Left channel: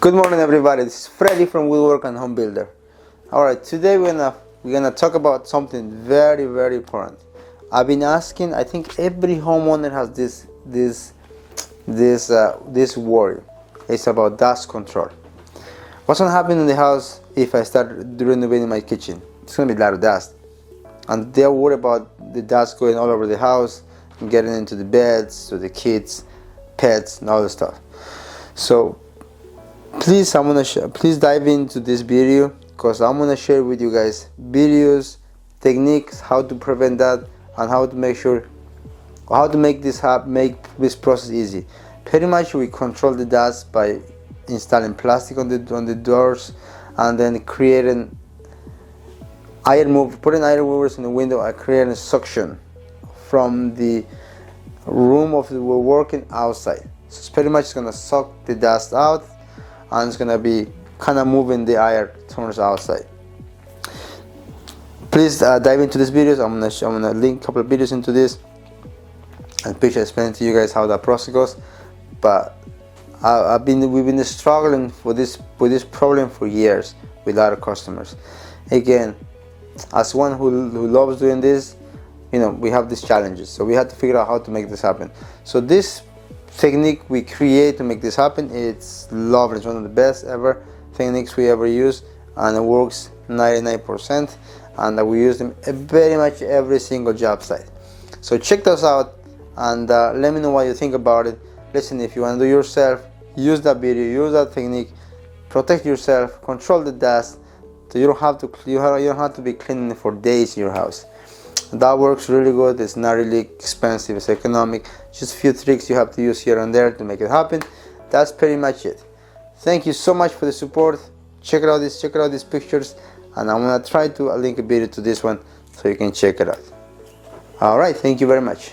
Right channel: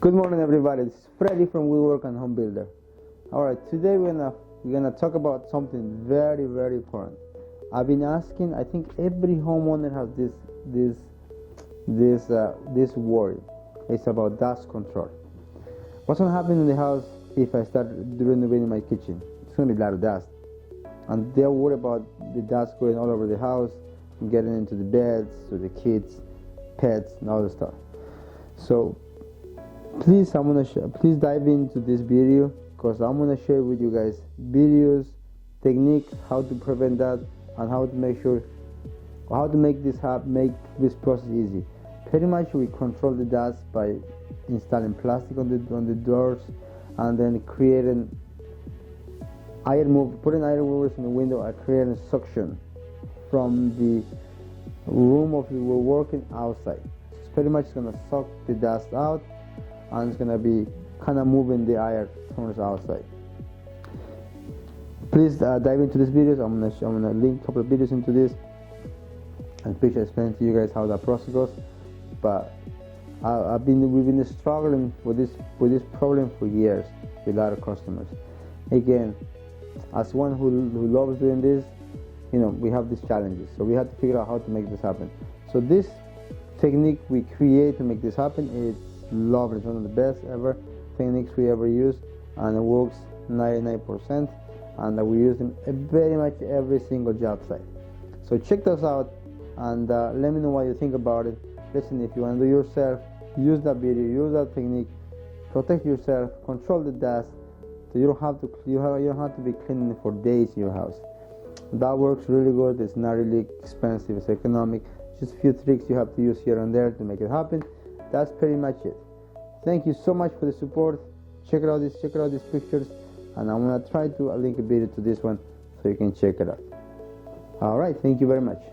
Good morning, everybody. This is Freddy from Woodwork and Home Builder. All right, today we're gonna talk about something very important. I've been asking. I think every homeowner has this worry. It's about dust control. What's gonna happen in the house if I start renovating my kitchen? It's gonna be a lot of dust, and they're worried about the dust going all over the house, and getting into the beds, to the kids, pets, and all the stuff. So please, please dive into this video because I'm gonna share with you guys videos, techniques, how to prevent that, and how to make this process easy. Pretty much, we control the dust by installing plastic on the doors, and then putting iron movers in the window and creating suction from the room of the working outside. So it's pretty much gonna suck the dust out, and it's gonna be kind of moving the air towards outside. Please dive into these videos. I'm gonna link a couple of videos into this and picture explaining to you guys how that process goes. But we've been struggling with this problem for years with our customers. Again, as one who loves doing this, we have these challenges, so we had to figure out how to make this happen. So this technique we create to make this happen, it's lovely. It's one of the best ever techniques we ever use, and it works 99%, and we use them very much every single job site. So check those out and let me know what you think about it. Listen, if you want to do it yourself, use that video, use that technique, protect yourself, control the dust, so you don't have to be cleaning for days in your house. That works really good. It's not really expensive, it's economic. Just a few tricks you have to use here and there to make it happen. That's pretty much it. Thank you so much for the support. Check out these pictures, and I'm gonna try to link a video to this one so you can check it out. All right, thank you very much.